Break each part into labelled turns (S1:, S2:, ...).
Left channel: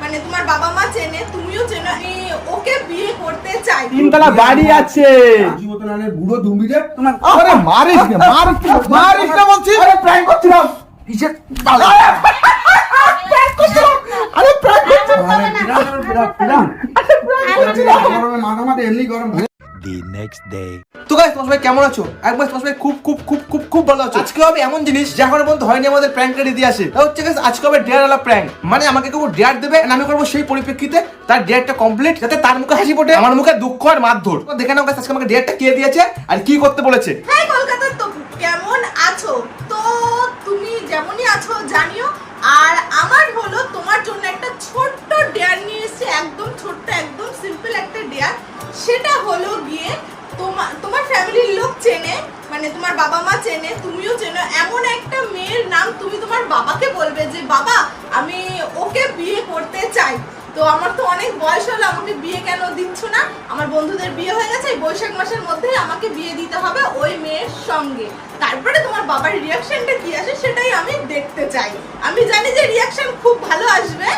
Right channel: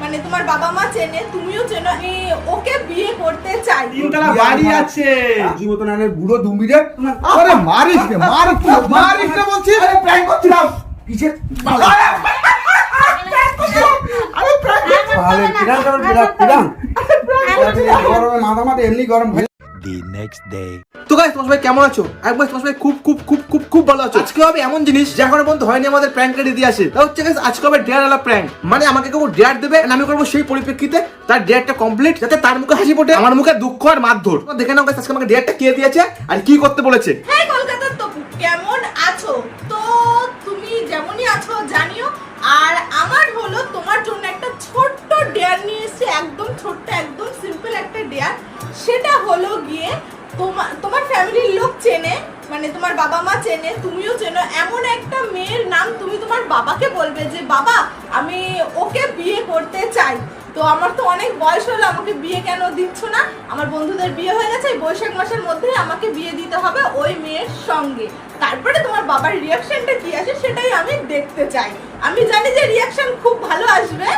S1: মানে তোমার বাবা মা চেনে তুমিও চেনো ওকে বিয়ে করতে চাই।
S2: তিনতলা বাড়ি আছে।
S3: বুড়ো দুম্বি রে তোমার
S2: আরে মারিস না মারিস না মারিস না বলছি।
S3: আরে প্র্যাঙ্ক করছিলাম কিসের বালে
S2: আরে prank
S3: বালে আরে করে আরে কিরাম গরমে মাথা আরে এমনি গরম হয়ে
S4: the next day.
S5: তো গাইস তোমার সবাই কেমন আছো? একবার তোমার সবাই খুব খুব খুব খুব খুব ভালো আছো। আজকে হবে এমন জিনিস যা এখনও পর্যন্ত হয়নি আমাদের প্র্যাঙ্কের ইতিহাসে। তা হচ্ছে guys, আজকে হবে ডেয়ার আলা প্র্যাঙ্ক মানে আমাকে কেউ ডেয়ার দেবে and আমি করব সেই পরিপ্রেক্ষিতে তার ডেয়ারটা কমপ্লিট যাতে তার মুখে হাসি ফোটে আমার মুখে দুঃখ আর মারধর। তো দেখে নাও guys, আজকে আমাকে ডেয়ারটা কে দিয়েছে আর কি করতে বলেছে।
S1: হ্যাঁ কলকাতার তো কেমন আছো? তো তুমি যেমনই আছো জানিও আর আমার হলো তোমার জন্য একটা ছোট্ট ডেয়ার নিয়ে এসেছি, একদম ছোট্ট, একদম সিম্পল একটা ডেয়ার সেটা হলো গিয়ে তোমার তোমার ফ্যামিলির লোক চেনে মানে তোমার বাবা মা চেনে, তুমিও চেনো, এমন একটা মেয়ের নাম তুমি তোমার বাবাকে বলবে যে, বাবা, আমি ওকে বিয়ে করতে চাই। তো আমার তো অনেক বয়স হলো, আমাকে বিয়ে কেন দিচ্ছ না? আমার বন্ধুদের বিয়ে হয়ে গেছে বৈশাখ মাসের মধ্যে আমাকে বিয়ে দিতে হবে ওই মেয়ের সঙ্গে। তারপরে তোমার বাবার রিয়াকশনটা কি আসে সেটাই আমি দেখতে চাই। আমি জানি যে রিয়াকশন খুব ভালো আসবে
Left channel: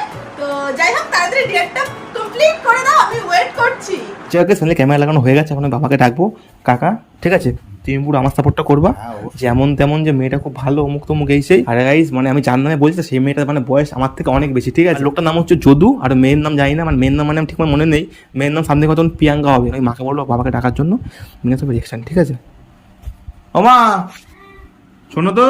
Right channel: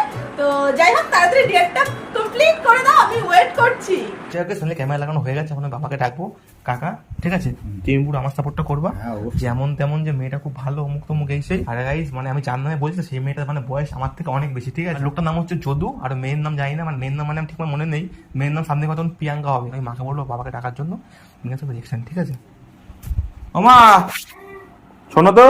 S1: তো যাই হোক তাড়াতাড়ি ডেটটা কমপ্লিট করে দাও আমি ওয়েট করছি।
S5: যাকে সামনে ক্যামেরা লাগানো হয়ে গেছে এখন বাবাকে ডাকবো। কাকা ঠিক আছে? তুমি পুরো আমার সাপোর্টটা করবা।
S3: হ্যাঁ,
S5: যেমন তেমন যে মেয়েটা খুব ভালো অমুক তমুক এই সেই। আর গাইস মানে আমি যার নামে বলছি সেই মেয়েটার মানে বয়স আমার থেকে অনেক বেশি ঠিক আছে? লোকটার নাম হচ্ছে যদু আর মেয়ের নাম জানি না মানে মেয়ের নাম মানে আমার ঠিক মনে নেই। মেয়ের নাম সামনে কতক্ষণ প্রিয়াঙ্কা হবে। আমি মাকে বলব বাবাকে ডাকার জন্য। মেয়ে তো রিয়েকশন ঠিক আছে? ওমা! শোনো তো।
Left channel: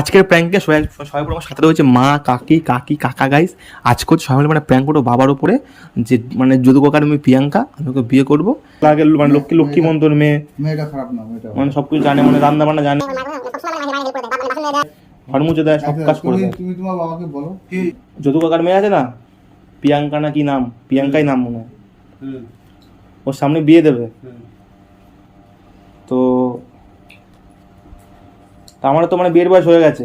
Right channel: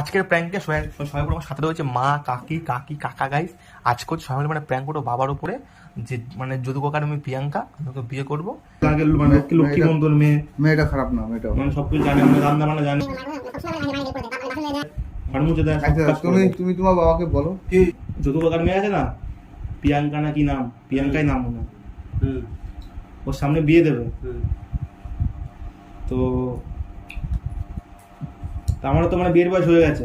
S5: আজকের প্র্যাঙ্কে সবাই সবাই আমার সাথে রয়েছে মা কাকি কাকি কাকা গাইস আজকে হচ্ছে সবাই মিলে মানে প্র্যাঙ্ক করব বাবার উপরে যে মানে যদু কাকার মেয়ে প্রিয়াঙ্কা আমি ওকে বিয়ে করব। আগে মানে লক্ষ্মী লক্ষ্মী মন্তর মেয়ে।
S3: মেয়েটা খারাপ না মেয়েটা
S5: মানে সবকিছু জানে মানে রান্না বান্না জানে। ঘর মুছে দেয় সব
S3: আচ্ছা,
S5: কাজ করে
S3: তুমি তোমার বাবাকে বলো। কি?
S5: যদু কাকার মেয়ে আছে না? প্রিয়াঙ্কা না কি নাম? প্রিয়াঙ্কাই নাম মনে হয়। ওর সামনে বিয়ে দেবে। তো তা আমারও তো মানে বিয়ের বয়স হয়ে গেছে।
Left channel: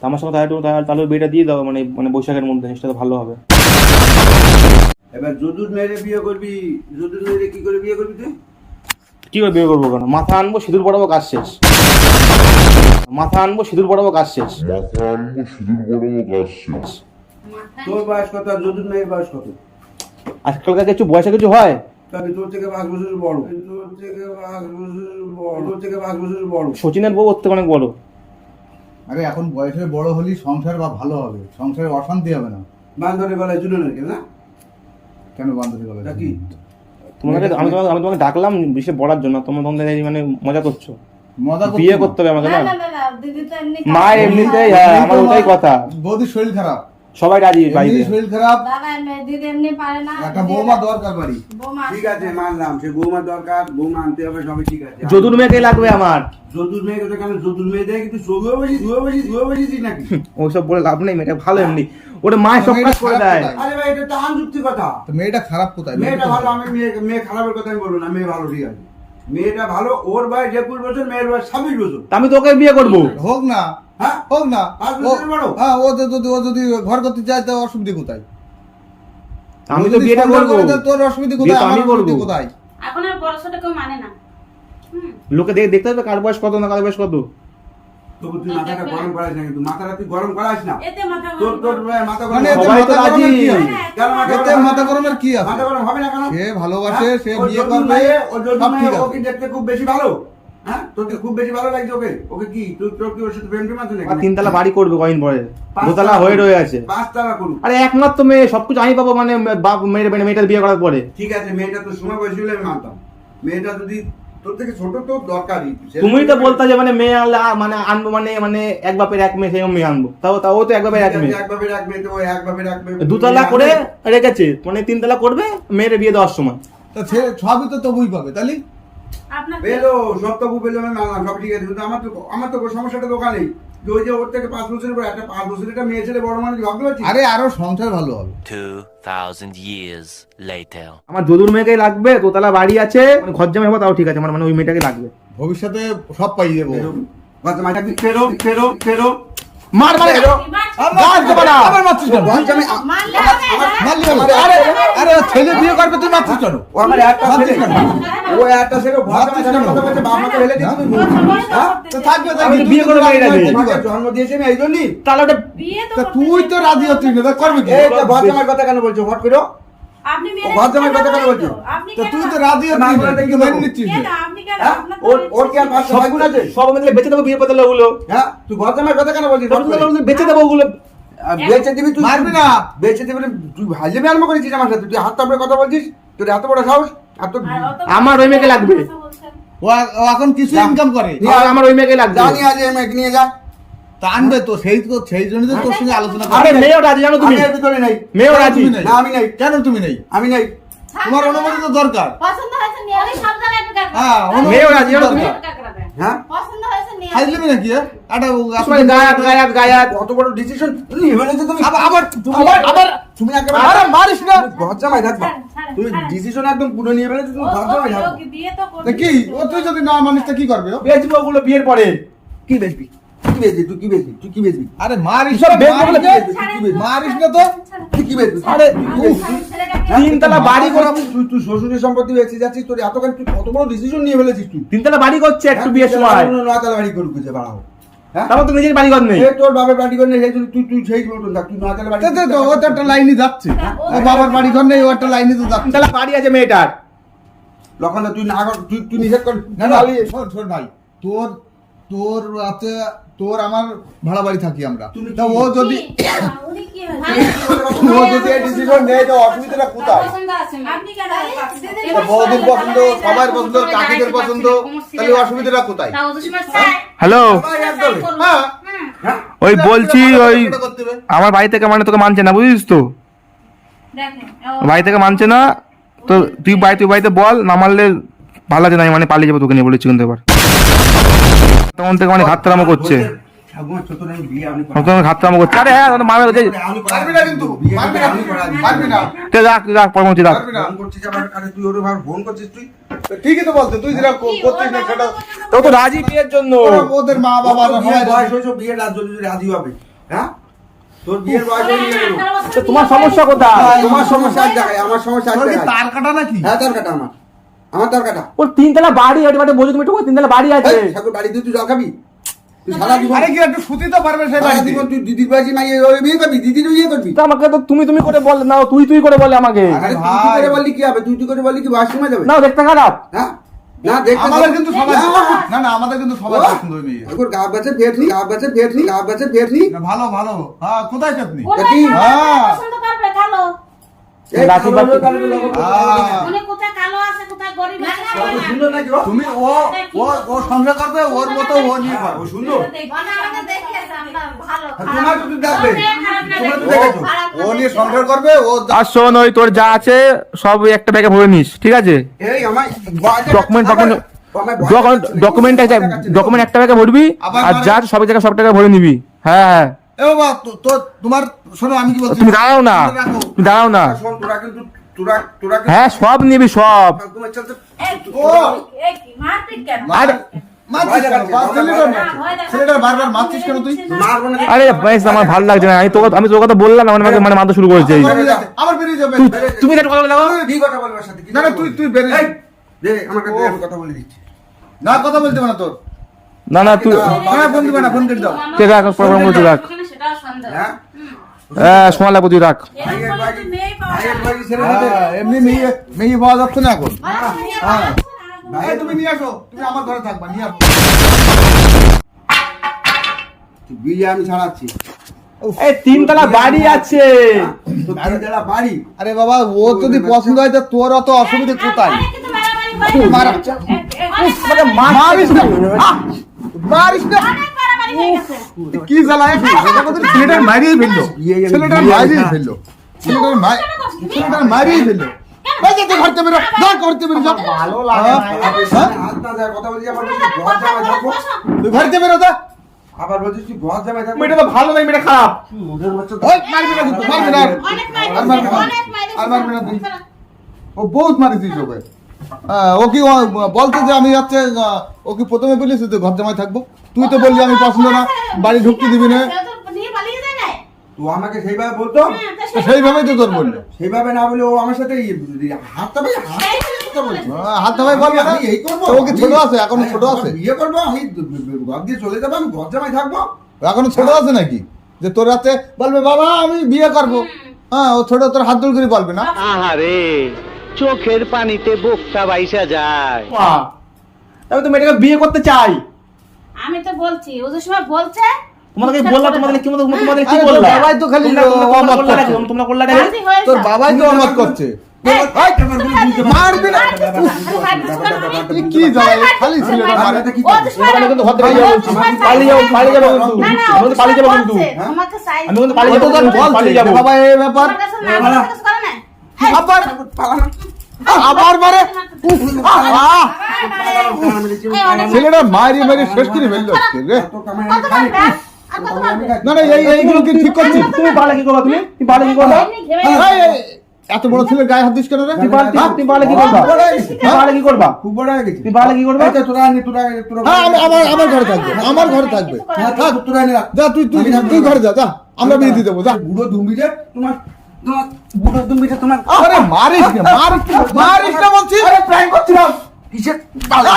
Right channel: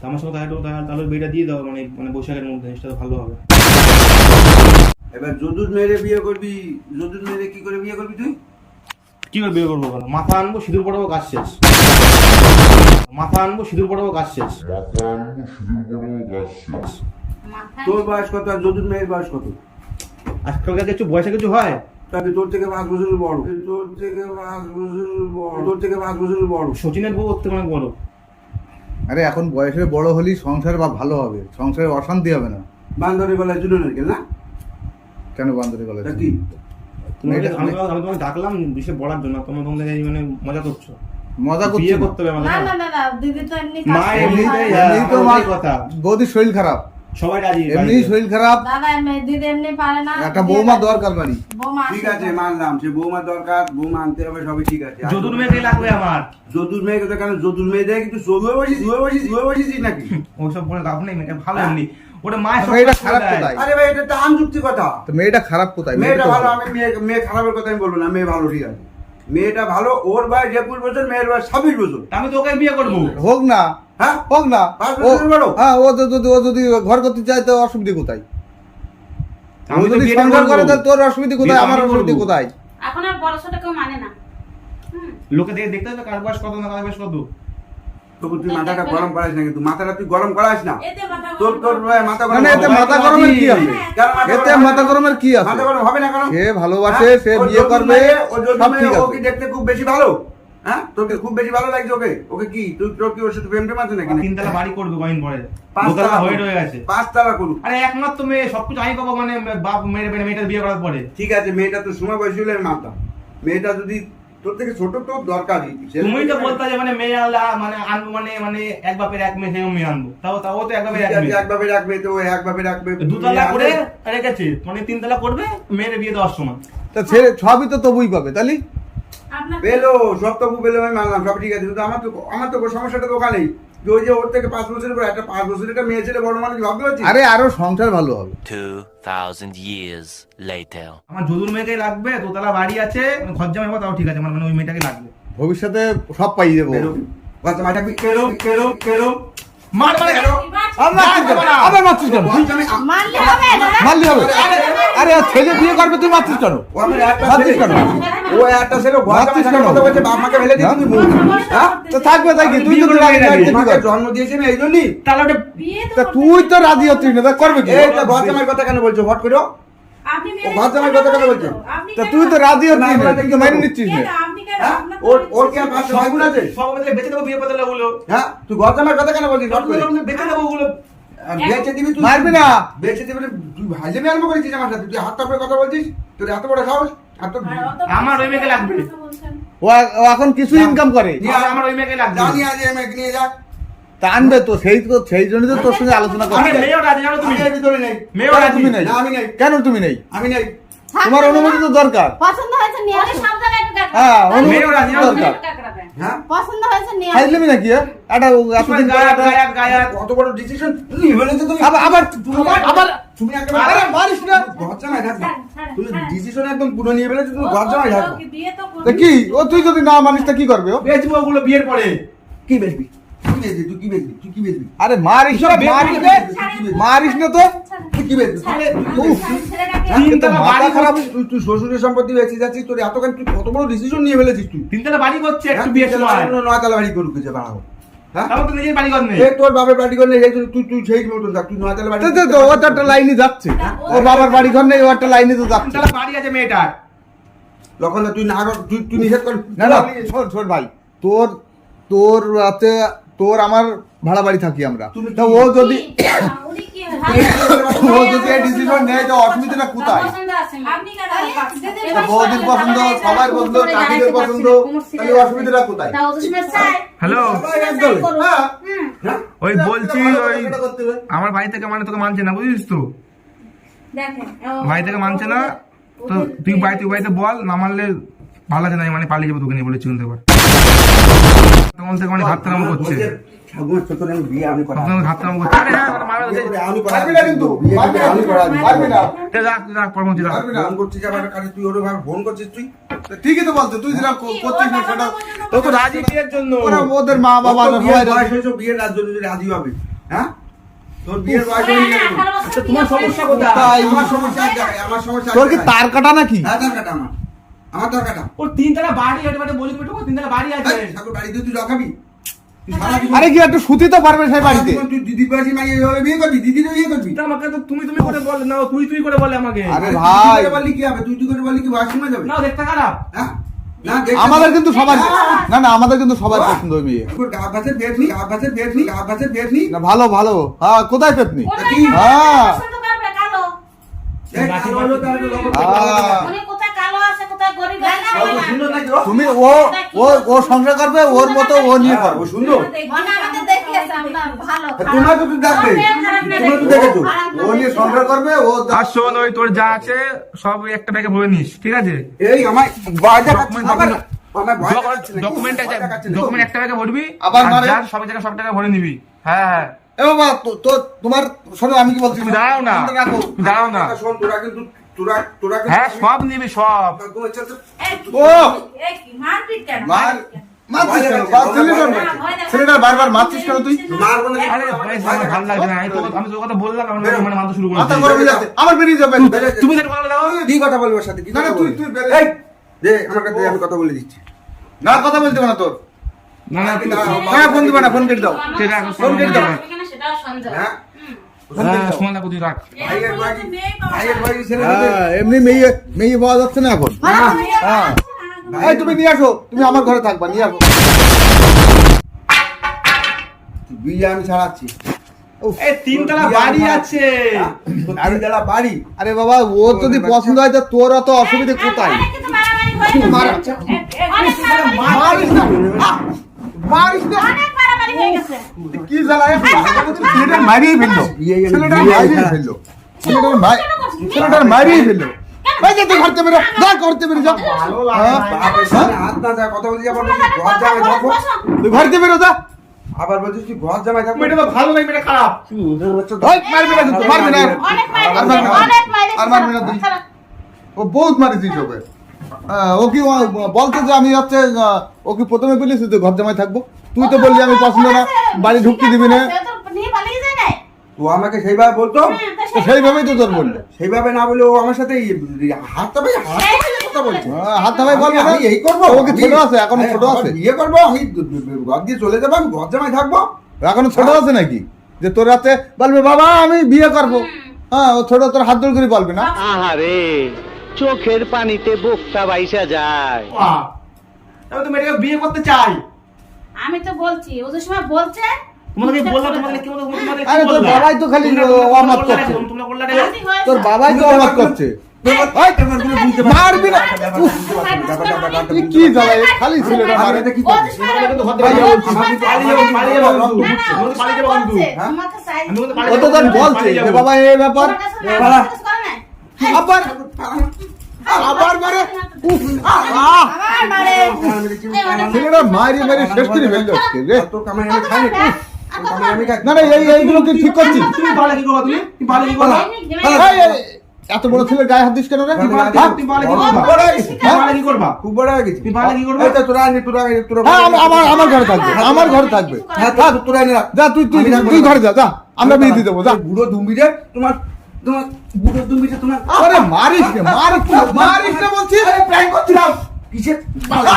S5: তা আমার সঙ্গে তাহলে একটু- তাহলে তাহলে বিয়েটা দিয়ে দাও মানে মানে বৈশাখের মধ্যে জিনিসটা তো ভালো হবে।
S6: এবার যদুর মেয়েরে বিয়ে করবি যদুর মেয়েরে কি করে বিয়ে করবি তুই?
S5: কি করে বিয়ে করব কেন? মাথা আনব সিঁদুর পড়াবো কাজ শেষ। মাথা আনব সিঁদুর পড়াবো কাজ শেষ।
S7: মাথা আনব সিঁদুর পরাবো গাছ শেষ।
S6: তোর বয়স কত আর যদুর মেয়ের বয়স কত?
S5: আজকালকার কিছু বয়সে কিছু হয়
S6: তোর থেকে পাঁচ বছর বড় তোর থেকে পাঁচ বছর বড় তোর থেকে পাঁচ বছর বড়
S5: সচিনের বউ ওর থেকে অনেক বড়।
S3: আরে এখন বয়সে বড় হলেই সংসার বা ভালো হবে। সংসারে অশান্তি হবে না।
S6: বান্ধবী গলায় জুড়ে নাকি না?
S3: কেন বান্ধবী বলে
S6: তা কি?
S5: তোমাকে আমি তোমাকে আমি তোমাকে ডাকলাম বিশেষ বলার জন্য তোমার মানে মজা করছ।
S3: মজা
S5: বিয়ে করতে হবে। আমাকে না?
S8: না না না দিদি তো এমনি
S5: মা। এমনিতেই হ্যাঁ, কথা।
S3: বৌদির শরীর খারাপ।
S5: সবাই রাজি
S3: এমনি শরীর খারাপ?
S8: দাদা এমনি দিদি এমনি পারে না।
S3: একটা বৌমা দরকার বাড়ি।
S8: বৌমা
S6: ঠিক আছে মানলাম সে বৌমা দরকার বৌমা আনতে হবে সবই ঠিক আছে।
S5: যদুর মেয়েকে লাগবে আমার।
S6: যদুর মেয়ে কথা কেন যদুর মেয়ে দেয় কিন্তু শুয়ে বসিস শুয়ে বসিস শুয়ে বসিস নাকি?
S5: ওইসব বলে লাভ নেই মেয়েটা ভালো এমনি। ওটা মায়ের সব
S3: মেয়েটা খারাপ। কোথায়?
S6: আরে ভাই এটা তো আনযুক্তি কথা।
S3: তো মেয়েটা খারাপ কোথায়?
S6: মেয়েটা ভালো আমি মেয়ে মেয়ে খারাপের কথা আমি বলব না মেয়ে ভালো ঠিক আছে। মেয়েটা ভালো ওর বয়স একুশ বছর মেয়ের বয়স ছাব্বিশ বছর।
S5: তা আমি তোকে বিয়ে করব।
S3: হোক না।
S6: হ্যাঁ?
S3: হোক না। ও হ্যাঁ ও যদি ও যদি ঘর করতে চায় তো অসুবিধা কোথায়?
S5: আমি
S3: যদি সংসার করে
S5: করব।
S3: তোর অসুবিধা কোথায়? আমার অসুবিধা কোথায়?
S8: এখন আর বড় কেউ মানে না।
S5: লোকে দেখে দেখতে হবে কার বয়স কত না কার বয়স কত।
S6: তবু তুই মাথাটা গরম করাস না কিন্তু। মাথাটা তুই গরম করাস না। তোর তোর মাথা
S3: মানে
S6: গরম
S3: এতে মাথা গরমের কি আছে? এতে মাথা
S6: হবে?
S3: গরমের কি আছে?
S6: মাথা গরম হবে না
S3: সে ভালোবাসে
S6: হ্যাঁ?
S3: সে বিয়ে করবে সব ঠিক
S6: ও
S3: আছে।
S6: কি দেখতে খুব বেশি ভালো। হ্যাঁ? তোকে খুব বেশি ভালো লাগছে ওকে? ওকে কি? তুই তোর কি ওর সাথে প্রেম টেম আছে নাকি?
S5: তিনতলা বাড়ি করবে কয়েন পরে। দোতলা হয়ে রয়ে আছে।
S6: পাঁচতলা করুক।
S5: আরে একমাত্র মেয়ে সবকিছু আমি পাবো মানে বাপ মেয়ের মেয়ে- মেয়েটার বিয়ে করার পরে।
S6: ঠিক আছে মেয়েটা তো সময় বয়সী হলে আমি মানতাম। মেয়েটা যদি তোর থেকে ছোট তো দরকারই।
S5: তুমি তো বলতে যে মানে মেয়ে আনলে মানে আনব মানে মানে এক বাপের এক মেয়ে আনব। তাও তাও তো এক বাপের এক মেয়ে। দুতলা করে রেখেছে মানে তিনতলা করবে মেয়ের বিয়ে দেওয়ার সময়।
S3: তা সবই তো তবুই পাবে তাহলে?
S6: পেল সব তবু পেল আমি মানলাম সব ঠিক আছে কিন্তু আমার তো আমার তো সমস্যাটা তো ওখানেই যে ওই যে ওর থেকে পাঁচ বছরের পর একটা পাঁচ বছরের একটা মেয়ে ছেলে বড় মানুষ ভাবতে পারছিস
S3: আরে আরও সংসার ভালো হবে
S4: 2,000 years later.
S5: আমার যদুর মেয়েকেই লাগবে দোতলা বাড়ি আছে ঘর জামাই হব তাও ঠিক আছে আমার মানে ওই মেয়েটাকে লাগবে
S3: ভবিষ্যতে সব পাই যাব
S6: পেরো কথা মাথা পেরো পেরো পেরো
S5: মার মার?
S2: আবার মারছিস কেন
S8: মারলে হবে
S2: আরে আরে ও ছেলে বিয়ে করবে তুই মারছিস কেন?
S6: ও আমার একটা ছেলে।
S2: কেন?
S6: ও একটা ছেলে ঘর জামাই
S2: মারছিস কেন?
S6: কথা বলছে বাপ মাকে ফেলে দিয়ে তুমি বউ। হ্যাঁ?
S2: তো থাকবে তাই কি তুই তো?
S6: জন্ম দিয়েছে আমি এই জন্যই।
S5: তাহলে ওটা
S8: বিয়ে তো
S2: তুই তো। রাজি হচ্ছিস না তা করবে কি?
S6: এই তো ঘর জামাইয়ের কথা কেন বলছো? হট করো। ঘর জামাইয়ের কথা কেন বলছো?
S8: তো।
S2: তুই তো রাজি হচ্ছিস না তুই মেনে নিচ্ছিস না।
S8: আপনি
S6: হ্যাঁ? ওর ওর কি আর পাঁচশো ভাই আছে?
S5: সব মিলে বেঁচে দেবো বিয়ে ওগুলো
S6: হ্যাঁ? তুই ঘর জামাইয়ের কথা কেন বলছিস?
S5: বেঁচে দেবো ওগুলো।
S6: বেচে দিবি তুই
S2: মারবি না।
S6: বেচে দিবি তুই আরম্ভ করেছিস আমার সাথে। তুই হাত তাপড়ে কথা বলছিস? তোর এত বড় সাহস? এত
S8: আর
S5: আমার ওই মেয়েকে লাগবে।
S2: ও এখন কিছু ইনকাম করে।
S5: আমার ওই মেয়েকে লাগবে।
S6: নিয়ে আজ এই মেয়েকে নিয়ে যা।
S2: তা আনবে তো সেই তো সেই জন্যই তো তোর সঙ্গে আলোচনা
S5: আরে
S2: করছি
S5: মেয়েও রাজি জানো তুমি
S6: আমি ভিতরে নেই।
S5: মেয়েও রাজি?
S2: তুমি নেই?
S6: না আমি নেই।
S2: কেন তুমি নেই?
S6: আমি নেই।
S2: তোমার অনুমতি তো দরকার।
S8: পছন্দ হয়েছে নিয়ে
S9: ঢুকে
S2: হ্যাঁ অনুমতি দরকার।
S6: হ্যাঁ?
S2: নাকি হ্যাঁ? একটা
S5: গায়াত গায়াত গায়াত
S6: কত বড় ডিসিশন নিয়ে হলে তো তুমি
S2: আবার আবার
S6: তুমি একবার
S2: আরে মারিস না।
S6: ঘর জামাই থাকবে তুমি ডিসিশন একদম পুরো নিয়ে ফেলেছো তুমি থাকবে
S8: কি
S2: ও তুই যদি না মানিস তা কি করবে ও?
S5: বেচবো ওগুলো বিয়ের পরে।
S6: কি বেচবি? কি বেচবি? তুই কি বেচবি? তুই কি বেচবি?
S2: আরে মারিস না মারিস না
S5: দিবি,
S8: ছাড়েন।
S2: মারিস না তো।
S6: তুই কি বেচবি?
S2: আরে উফ,
S8: ছাড়েন, ছেলেটাকে?
S5: তিনতলা বাড়ি
S6: খারাপ তুই তুই শ্বশুরের সম্পত্তি বেঁচে যাচ্ছিস তোর এতখানি তুই কত বড় ডিসিশন নিয়ে ফেলেছিস তুই?
S5: তিনতলা বাড়ি করছে একটু
S6: হ্যাঁ,
S5: বিয়ে
S6: নয়তলা বাড়ি করুক যে বাড়াও। হ্যাঁ?
S5: তারপর বাড়ি ঘর নেই।
S6: বাবার বাড়ি করে সেই জন্য তুই তুই সেই মতন থাক তুই নয়তলা বাড়ি
S2: তা তো- তো ও তো একটা লাইনে যাচ্ছে। ও বাবার বাড়ি ঘর নেই ও একটা লাইনে তো যাচ্ছে।
S5: বাড়ি আছে মেয়েটার।
S6: লক্ষণ তুই না কর তুই তুই নিষেধ কর।
S2: না না। শোন শোন ভাই তোর তোর রাতে তোর আমার ভাড়া বাড়ি থাকি আমরা। তা ও যদি
S8: কি? উনি কি হয়?
S2: ও যদি ডিসিশন নেয় তো অসুবিধাটা কোথায়?
S9: পছন্দ আছে মেয়ে।
S8: আপনি কেন দিদি
S2: তো বৌদির পছন্দ সবার পছন্দ কাকিদের পছন্দ তাহলে অসুবিধাটা কোথায়?
S9: তাও দুশ্মন চাই।
S10: হ্যালো।
S2: হ্যাঁ
S6: হ্যাঁ
S10: ওই বলছি ওই আমার বাড়ি থেকে মানে তোকে মানছে না বুঝিস তো? বাড়ি থেকে মানছে না তো তুই বাড়ি তুই বাড়িতে বল না মানলে ভালো আছে না মানে পালিয়ে যাব তোকে নিয়ে বলেছি কিন্তু এবার। তখন থেকে মানে করছে। করছে। আরে হ্যাঁ ওটা মারবে ওই যে-
S6: আমি করা
S2: পারবি না কিন্তু
S6: বিয়ে
S2: পারবি না
S6: আমি করা
S2: পারবি না
S10: তুই রাখ তুই রাখ পরমতি রাখ।
S2: পারবি না।
S6: ফোন করছিস আমার কাছে তুই ওরে ভাবে ফোন করছিস তুই?
S2: তো ঠিকই তো বলতো তুই করছিস না সেটা
S5: তো তো রাজি বিয়ের জন্য।
S2: ওদের মা বাবা
S6: বিয়ের রাজ হবে। হ্যাঁ? তোর বিয়ের বয়স হয়ে গেল।
S5: তোমার সমস্যা কোথায়?
S6: আমার সমস্যা আমার সমস্যা।
S2: তার কাটা নাকি?
S6: হ্যাঁ তার কাটা আমার। আমার তার কাটা
S5: ওর তিনতলা বাড়ি ওটা বাড়ি বোঝো তুমি একটু তিনতলা বাড়ি আছে।
S6: ঠাকুর বাড়ি তুই তুই
S2: আরে কি একটু সুতি তো পারবে সেই বাড়িতে?
S6: তুই দিদির বাড়ি মাইয়ে বিয়ে করবি দিদির বিয়ে করবি?
S5: তো আমাকে তো তুমি তুমি করে বল না তুই তুই করে বলে আমাকে।
S6: আরে তুই তুই করে বললি কি হবে? তুই তুই করে বললি কি বয়স যাবে?
S5: না দেখতে খারাপ।
S6: হ্যাঁ?
S2: আমাদের কিন্তু সবার
S6: না,
S2: না আমাদের কিন্তু সবার। পছন্দ ওই বিয়ে
S6: গা গাছে পেট নি গা গাছে পেট নি গা নি
S2: ভালো ভালো। হ্যাঁ কোথায় হ্যাঁ।
S5: রাখি বাকি-
S2: তুমি ও ও ও সংসার করবে ওর মতো ও নিয়ে
S6: হ্যাঁ,
S2: করবে।
S6: ও সুন্দর
S8: আমাদের দেখে আছে আপনার ভালো
S6: তা তোমার তো দেখবে তোমরা তো দেখেছ।
S2: ও নিয়ে সংসার করবে ও
S10: আর শোন ওই তোর যা আছে সব একটা ব্যাগে ভরে নিস ঠিক আছে?
S6: এই আমার
S10: ডকুমেন্ট ডকুমেন্ট ডকুমেন্ট ডকুমেন্ট একটা ব্যাগে ভরবি আর যার সব জায়গায় সব টাকা ভরে নিবি। হ্যাঁ হ্যাঁ।
S2: এ বাবা তো তো তোমার শোনো আমি কি বলছি?
S10: তুমি দাঁড়াও না। তুমি দাঁড়াও না।
S6: শোন তোরা কিন্তু তোরা তোরা
S10: হ্যাঁ সব নিবি সব
S2: ও
S6: না
S10: আরে বেশ আমার ভালো লাগছে না আমি তোকে আমি তোর কথা বললাম আমার মানে মানে মাথা শুরু করেছে
S2: হয়ে। আবার বেরিয়ে যাবে
S10: তুমি কথা
S6: বলব সাথে
S2: না না তুই? তুই বেরিয়ে
S6: এই দে আমার কাছে আমি কথা বলে দিচ্ছি
S2: না কথা বলতে হবে না তোর
S10: না না তুই
S2: হ্যাঁ ফোন দিবে না ফোন কেটে দাও
S10: ঠিক আছে রাখ
S9: সেটাও সন্দেহ
S6: হ্যাঁ
S10: লাগবে তুই রাখ।
S2: হ্যাঁ এমনি মেয়ে মেয়ে পাওয়া যাচ্ছে না এখন। হ্যাঁ। তুমি নিয়ে আসো তুমি আমার ঘরে থাকবা নিয়ে আসো।
S6: বিয়ে আমি ছাড়াচ্ছি
S5: তিনতলা বাড়ি আছে?
S6: তিনতলা বাড়ি?
S2: আরে বাবা ও যদি পছন্দ হয় তো তোর অত অসুবিধে কোথায়?
S8: হয়ে
S2: মারিস না। মারিস না। কি জ্বালায় ছেলেটার মারিয়ে ফেলল। ছেলেটার মারিয়ে ফেলল। ছেলেটার মারি ছেলেটার মারিয়ে ফেলল। যে ঘরতে বেরো যা ঘরতে বেরো যা?
S6: বাপের সামনে হাত না যায় কথা বলছি আবার বলছিস ঘর জামাই থাকব
S2: তুই ঘরতে বেরো যা।
S6: আবার বলছিস তুই ঘর জামাই থাকব
S5: মেয়েটা তো ভালো নয় মেয়েটা খারাপ।
S2: ওই মারবি না কিন্তু মারবি না আর।
S8: অনেক মাইরে
S2: আর মারবি না। আর মারবি না তুই। ও বহুত মারিছিস ওকে। হ্যাঁ, ও কি বলতো যে আমি যাচ্ছে ও কি প্রথমে বলিস তো ঘর জামাই থাকব? তুই তো বললি আমি পছন্দ না বাড়ি ঢুকতে দিবি না।
S8: তো
S6: আমাকে সেইভাবে বলতো?
S8: হ্যাঁ,
S2: সেইভাবেই তো তোর বলল।
S6: সেইভাবে না বলে ও আমার সাথে হাতটা ভাই কথা বলছে।
S2: হাত থামাই বলবে না?
S6: আমি এই করব?
S2: তো ছোট আছে?
S6: এখনও
S2: ছোট আছে?
S6: বিয়ে করব? আমি ঘর দিয়ে চলে যাব? আমি ঘর জামাই থাকব?
S2: এখনও ছোট আছে নাকি? যে তোর রাতে বলবে বাবা আমি বিয়ে করব। হ্যাঁ ও ছোট তোর হাত দৌড় করে বলবে না?
S9: আহারে চোখের পানিতে বোকটা বাইসা যায়।
S5: আমি তো মেয়েটাকে বিয়ে করতে চাই।
S8: আমি তো বলছি ও যে সময় বলছে।
S5: তোমাকে বললাম কি
S2: আরে তোর বাবাই তো খালি অমত করছে।
S5: তোমরা করলা না?
S8: রাজি হয়ে
S2: তোর বাবাই তো অমত করছে। এই, মারবি না। উফ, এ কি জ্বালা খালি
S5: কিন্তু।
S8: বলছে,
S6: হ্যাঁ?
S2: তোর। বাবা এই ব্যাপার। আবার আবার মারে। ছেলেটা মারি মারি শেষ করে ফেলল আজকে রে। না না এই এইগুলো কি ঠিক করছিস?
S5: তুমি কি করবা তুমি? কি করবা?
S2: এত বড় ছেলে গায়ে হাত দিস কেন রে? হ্যাঁ?
S5: কি করবা? তুমি পারলে কি করবা?
S6: খুব বড় হয়ে
S5: তুই কি করবে?
S6: এই তোরা আনি তোরা তোরা
S2: হ্যাঁ আমার আমার ঘরে থাকবে। আমার ঘরে থাকবে।
S6: হ্যাঁ তোরা আনি রাখ।
S2: যা তুই তুই তুই ঘরে যা যা। আমরা বিয়ে দিয়ে দেবো যা।
S6: বুড়ো দুম্বিরে তোমার তোমার বুড়ো তোমার
S2: আরে মারিস না মারিস না মারিস না বলছি।
S6: আরে প্র্যাঙ্ক করছিলাম। কিসের
S2: আরে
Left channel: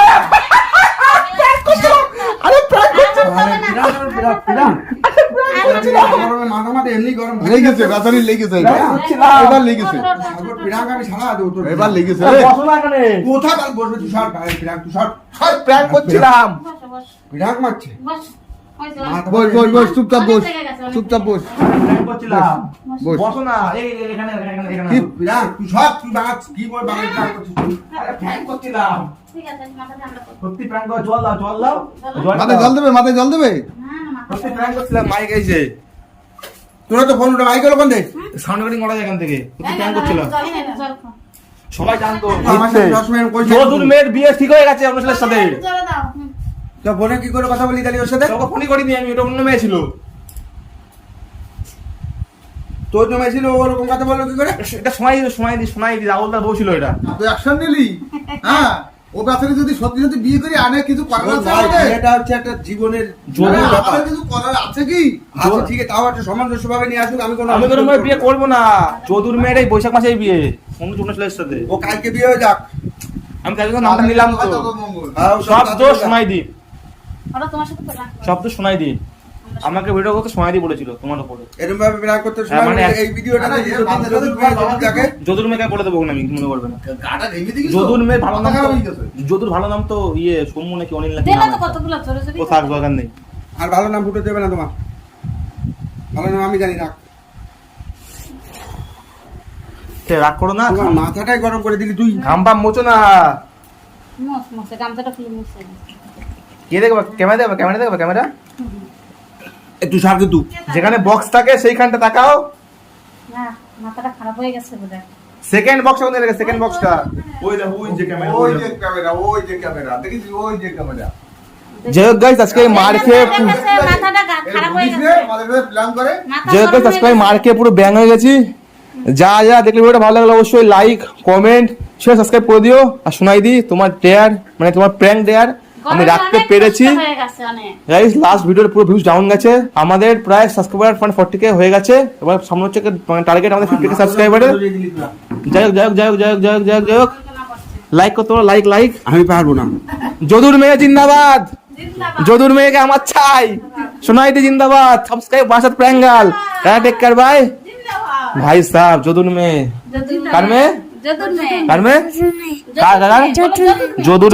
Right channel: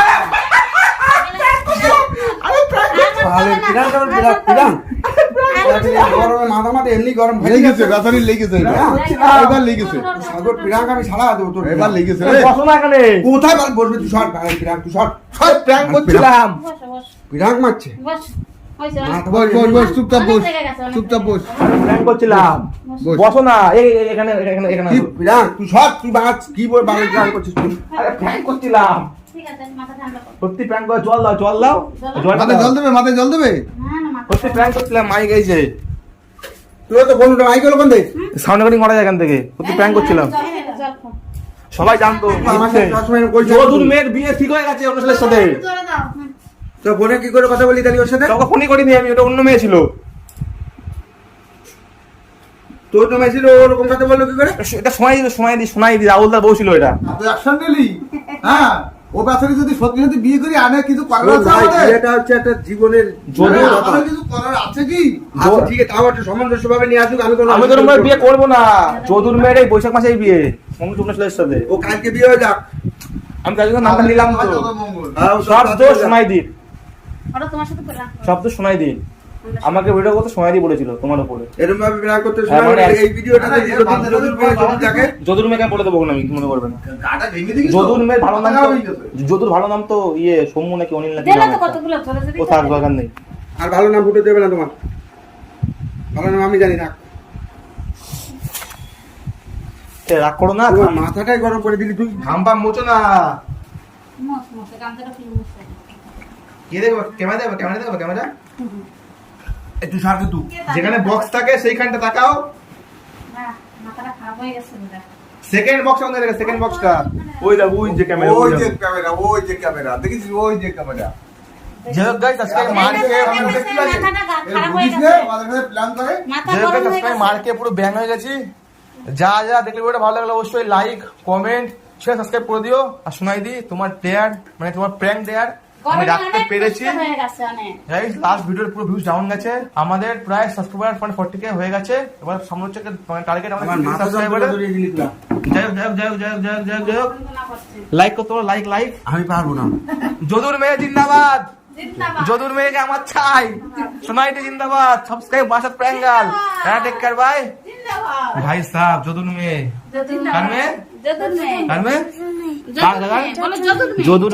S6: হয়ে কোথায় বসবে? পিরাক তুই
S2: প্র্যাঙ্ক করছিলাম।
S6: মারছে?
S8: বসো।
S2: বস বস চুপচাপ বস চুপচাপ বস।
S5: না এই এখানে এখানে এখানে
S6: তুই তুই কি বল করছিস তুই?
S5: করছিলাম। সত্যি করে জল দাও জল দাও।
S2: মাথায় জল দেবে মাথায় জল দেবে?
S8: না, না, মাথা-
S5: সত্যি করছিলাম
S6: তোরা তো ফোনটা মাইকেল ওখান থেকে
S5: সাউন্ড রেকর্ডিং করা যায় এখান থেকে সত্যি করছিলাম। সবাই জানতো। মেয়ের বিয়ে ঠিক হয়ে গেছে অন্য ছেলের সাথে।
S6: তো ফোনে কি করে কথা বলি তাহলে ওর সাথে?
S5: তোকে ফোনই করিনি আমি ওটা অন্য মেয়ে ছিল।
S6: তোর তো মেয়েছিল ওরকম কথা বলল কি করে?
S5: এটা শোনাই দিই শোনাই দিই শোনাই দিই রাহুল দা বউ ছিল এটা।
S2: তুই অ্যাকশন নিলি? হ্যাঁ ও যদি সত্যি সত্যি বিয়ে করে আনে কিছু করার আছে আমাদের?
S6: বিয়েটা হচ্ছে একটা জীবনের
S5: যদি-
S2: কিছু করার আছে কি?
S6: আচ্ছা, ঠিক আছে তাও একটা সামঞ্জস্য ভাবে নিয়ে আসুক আমি তো
S5: আমি তোর বিয়ে করব। না। চৌধুর মেয়ের এই বৈশাখ মাসে বিয়ে অন্য অন্য ছেলের সাথে।
S6: ও কালকে বিয়ে হয়ে যাক।
S5: আমি জন্য নামটা নিলাম তো।
S2: মঙ্গল।
S6: হ্যাঁ, ও
S5: সব দোষ
S6: যাক।
S5: শোনাই দি। দোষ শোনাই দি আমাকে ভিডিও করতে শোনাই দি বলেছিল তোমার উপরে।
S6: এরকম ভাবে বিরাগ করতে
S5: হ্যাঁ,
S6: সময়
S5: মানে
S6: এই ভিডিওটা যদি
S5: যদুর মেয়েকে বলে দেবো না আমি মনে করবে না?
S2: তো?
S5: যদুর মেয়ের ভালো নাম তো যদুর ভালো নাম তো ইয়ে সৌম্য নাকি অনিল নাকি
S8: তো কতগুলো জলে যদি
S5: ও থাক দরকার নেই।
S6: আর ভালো নাম ফুটে দেবে না তোমার। ভালো নাম আমি জানি না
S5: সে রাগ করো না
S6: মাথাটাই গরম করে দিলি তুই।
S5: ঘাম পাম মোচো না।
S8: মুছ, মুছে, গামছাটা খুলে মুছে।
S5: কে দেখবে ক্যামেরা দেখবে ক্যামেরা দেখবে ক্যামেরা
S6: একটু সারতে তুই
S5: যেখানে বক্স থাকে সেইখানটা তাকাও।
S8: মাথাটা খারাপ হয়ে গেছে
S5: সেকেন্ড বক্স কোন দেখে সেকেন্ড বক্সটা ওই দেখো ওই যে ক্যামেরা
S2: ওই যে ক্যামেরা ওই যে ক্যামেরা দেখিস ওই যে ক্যামেরা
S5: যাই গাইস আজকে মার খেয়ে
S8: মাথাটা খারাপ হয়ে গেছে।
S2: প্ল্যান করে?
S8: মাথা
S5: যাই হোক
S8: গরম
S5: গাইস আজকে মার খেয়ে পুরো ব্যাং হয়ে গেছি। যা যা দেখলে ভিডিওটা ভালো লাগল অবশ্যই লাইক কমেন্ট শেয়ার সাবস্ক্রাইব করে দিও। আর শোনাই দি তোমার ডেয়ার মানে তোমার প্র্যাঙ্ক ডেয়ার আমি রাখতে পেরেছি। গাইস লাস্ট ভিডিওর পুরো ভিউজ ডাউন গেছে। আমাদের প্রায় সাবস্ক্রাইবার মানে ফর্টি কে হয়ে গেছে। এবার সামনে হচ্ছে টার্গেট আমাদের ফিফটি কে সাবস্ক্রাইবারের যাই হোক যাই হোক যাই হোক যাই হোক যাই হোক যাই হোক যাই হোক। লাইক করতে পারো লাইক লাইক
S6: আমি পারব না।
S5: যদুর মেয়ে জিন্দাবাদ।
S8: জিন্দাবাদ।
S5: যদুর মেয়েকে আমার চাই সোনাইতে জিন্দাবাদ। সাবস্ক্রাইব বাসাত প্র্যাঙ্গাল টেক কেয়ার বাই ভাই সাহেব যদুর মেয়ে। কার মেয়ে?
S8: যদুর মেয়ে।
S5: কার মেয়ে কার কার
S8: বলো যদুর